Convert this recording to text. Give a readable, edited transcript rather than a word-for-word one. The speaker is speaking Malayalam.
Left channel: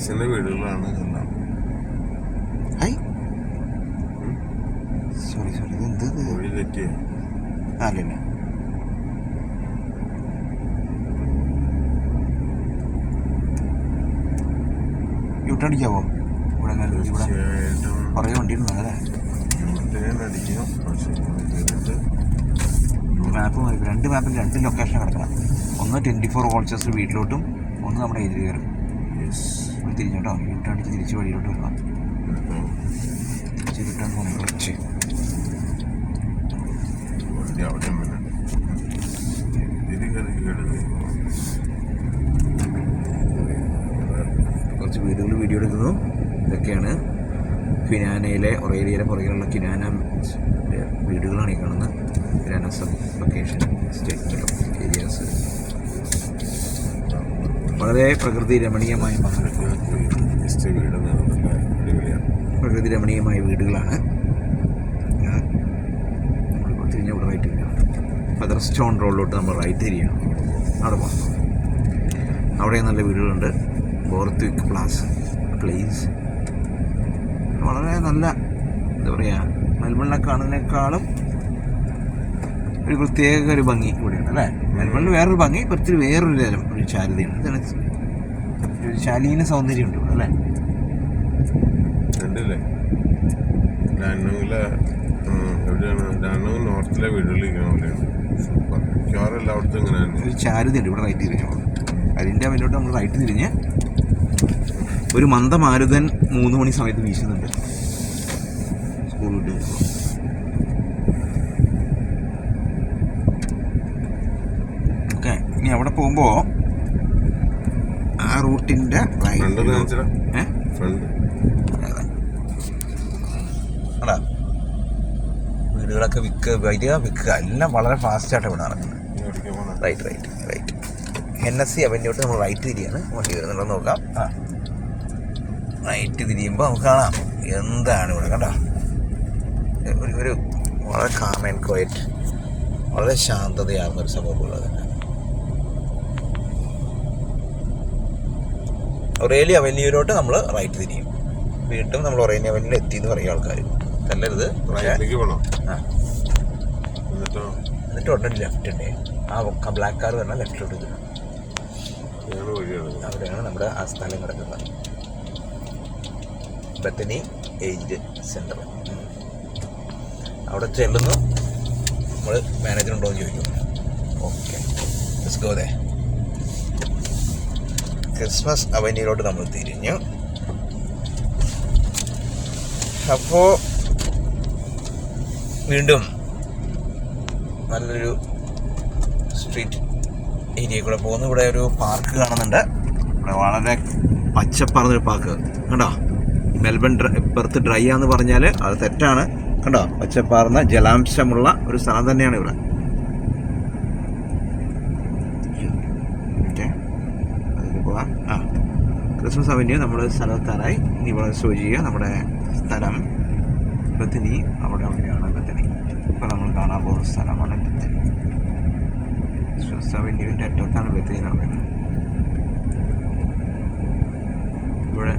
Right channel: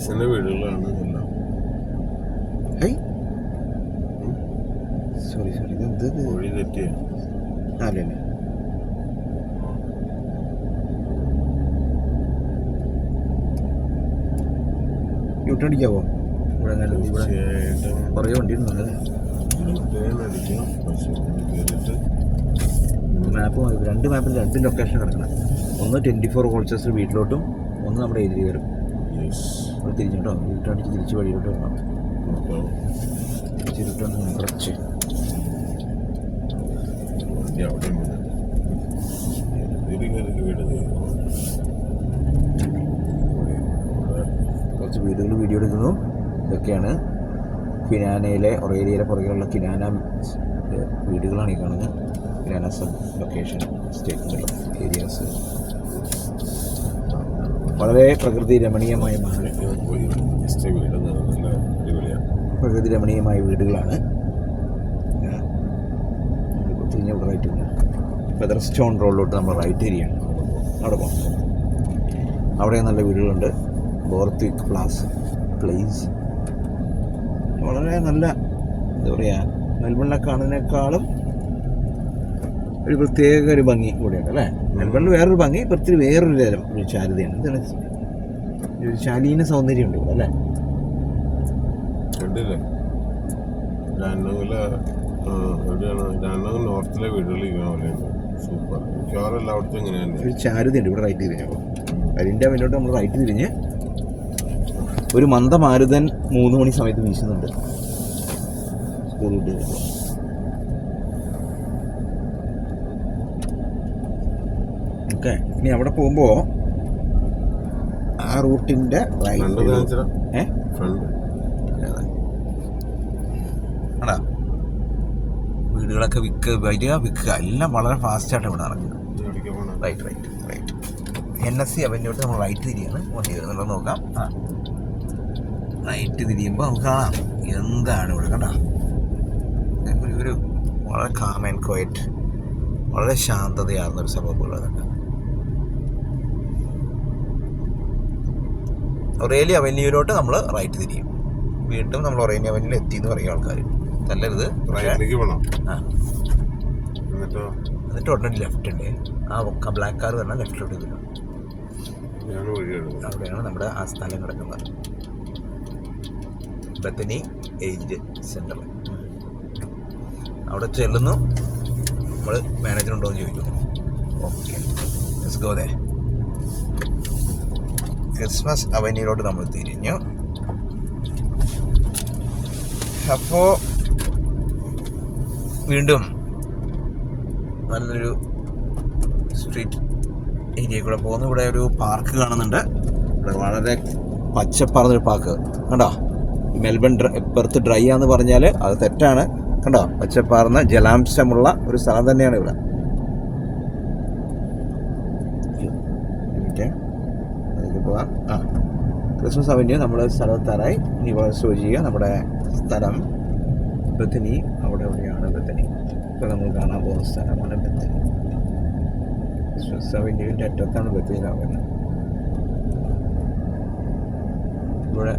എക്സിന്റെ വീടുകളാണ് ഇതെല്ലാം. ഹൈ സോറി ഇത് എന്ത് വഴി തെറ്റിയ അല്ലല്ല യൂട്ടേൺ അടിക്കാവോ? ഇവിടെ ഇവിടെ കുറേ വണ്ടി ഉണ്ടല്ലേ. അടിക്കാം. മാപ്പ് മാറി 2 മാപ്പിൽ 2 ലൊക്കേഷൻ കിടക്കണം. ഒന്ന് 24 വോൾച്ചേഴ്സ് വീട്ടിലോട്ടും ഒന്ന് നമ്മുടെ ഏരിയ കയറും. ഇവിടെ തിരിഞ്ഞോട്ടോ യൂട്ടേൺ അടിച്ച് തിരിച്ച് വഴിയിലോട്ട് വേണം. തിരിച്ച് റിട്ടേൺ പോകണം കുറച്ച്. കുറച്ച് വീടുകൾ വീഡിയോ എടുക്കുന്നു. ഇതൊക്കെയാണ് കിനാനയിലെ ഒറേരിയയിലെ പുറകിലുള്ള കിനാന വീടുകളാണ് ഈ കാണുന്നത്. കിനാന സബ് ലൊക്കേഷൻ സ്റ്റേറ്റിലുള്ള ഏരിയാസ്. വളരെ പ്രകൃതി രമണീയമായ പ്രകൃതി രമണീയമായ വീടുകളാണ്. നമ്മളിപ്പോൾ തിരിഞ്ഞ ഇവിടെ റൈറ്റ് തിരിഞ്ഞാണ്. ഫെദർ സ്റ്റോൺ റോഡിലോട്ട് നമ്മൾ റൈറ്റ് തിരിയാണ്. അവിടെ പോകാം. അവിടെ നല്ല വീടുകളുണ്ട്. ബോർത്ത്വിക് പ്ലേസ് വളരെ നല്ല എന്താ പറയുക, മെൽബണിനെ കാണുന്നതിനേക്കാളും ഒരു പ്രത്യേക ഒരു ഭംഗി ഇവിടെയുണ്ട് അല്ലേ. മെൽബണിൽ വേറൊരു ഭംഗി, ഒത്തിരി വേറൊരു തരം ഒരു ചാരുതയാണ്. ഇതാണ് ഒരു ശാലീന സൗന്ദര്യമുണ്ട് ഇവിടെ അല്ലേ. നോർത്തിലെ ഒരു ചാരുതയുണ്ട് ഇവിടെ റൈറ്റ് തിരിഞ്ഞപ്പോൾ. അതിൻ്റെ മുന്നോട്ട് നമ്മൾ റൈറ്റ് തിരിഞ്ഞ് ഒരു മന്ദമാരുതൻ 3 മണി സമയത്ത് വീശുന്നുണ്ട്. സ്കൂൾ വിട്ട് വരുമ്പോൾ ഓക്കെ. ഇനി അവിടെ പോകുമ്പോൾ ആ റൂട്ടിൻ്റെ ആടാ വീടുകളൊക്കെ വിൽക്കുക എല്ലാം വളരെ ഫാസ്റ്റായിട്ട് ഇവിടെ നടക്കുന്നത്. റൈറ്റ് NSC അവന്റോട്ട് നമ്മൾ റൈറ്റ് തിരിയാണ്. വണ്ടി വരുന്നുണ്ടോ നോക്കാം. റൈറ്റ് തിരിയുമ്പോൾ നമുക്ക് കാണാം എന്താണ് ഇവിടെ കണ്ടോ. ഒരു വളരെ കാം ആൻഡ് ക്വയറ്റ്, വളരെ ശാന്തതയാർന്നൊരു സംഭവം ഉള്ളത്. ഒറേലി അവന്യൂവിലോട്ട് നമ്മൾ റൈറ്റ് തിരിയും. വീണ്ടും നമ്മൾ ഒറേലി അവന്യൂവിൽ എത്തിയെന്ന് പറയും ആൾക്കാർ. നല്ലത് എന്നിട്ട് ഉടനെ ലെഫ്റ്റ് ഉണ്ട്. ആ ബ്ലാക്ക് കാർ പറഞ്ഞാൽ ലെഫ്റ്റിലോട്ട് തരും. അവിടെയാണ് നമ്മുടെ ആ സ്ഥലം കിടക്കുന്നത്. ബത്തനി ഏജ്ഡ് സെൻ്റർ. അവിടെ ചെല്ലുന്നു. നമ്മൾ മാനേജർ ഉണ്ടോ എന്ന് ചോദിക്കും. Okay let's go. ക്രിസ്മസ് അവന്യൂയിലോട്ട് നമ്മൾ തിരിഞ്ഞു. അപ്പോൾ വീണ്ടും നല്ലൊരു സ്ട്രീറ്റ് ഏരിയ കൂടെ പോകുന്നു. ഇവിടെ ഒരു പാർക്ക് കാണുന്നുണ്ട്. ഇവിടെ വളരെ പച്ചപ്പാർന്നൊരു പാർക്ക് കണ്ടോ. മെൽബൺ പെർത്ത് ഡ്രൈ ആണെന്ന് പറഞ്ഞാൽ അത് തെറ്റാണ്. കണ്ടോ, പച്ചപ്പാർന്ന ജലാംശമുള്ള ഒരു സ്ഥലം തന്നെയാണ് ഇവിടെ. അതിൽ പോവാം. ക്രിസ്മസ് അവന്യൂ നമ്മൾ സ്ഥലത്താറായി. ഇനി ഇവിടെ ഷോ ചെയ്യുക. നമ്മുടെ സ്ഥലം ബത്തനി. അവിടെ എവിടെയാണ് ബത്തനി? ഇപ്പോൾ നമ്മൾ കാണാൻ പോകുന്ന സ്ഥലമാണ് ബത്തനി. ക്രിസ്മസ് അവന്യൂവിൻ്റെ അറ്റത്താണ് ബത്തനിയിലാവുന്നത്. ഇവിടെ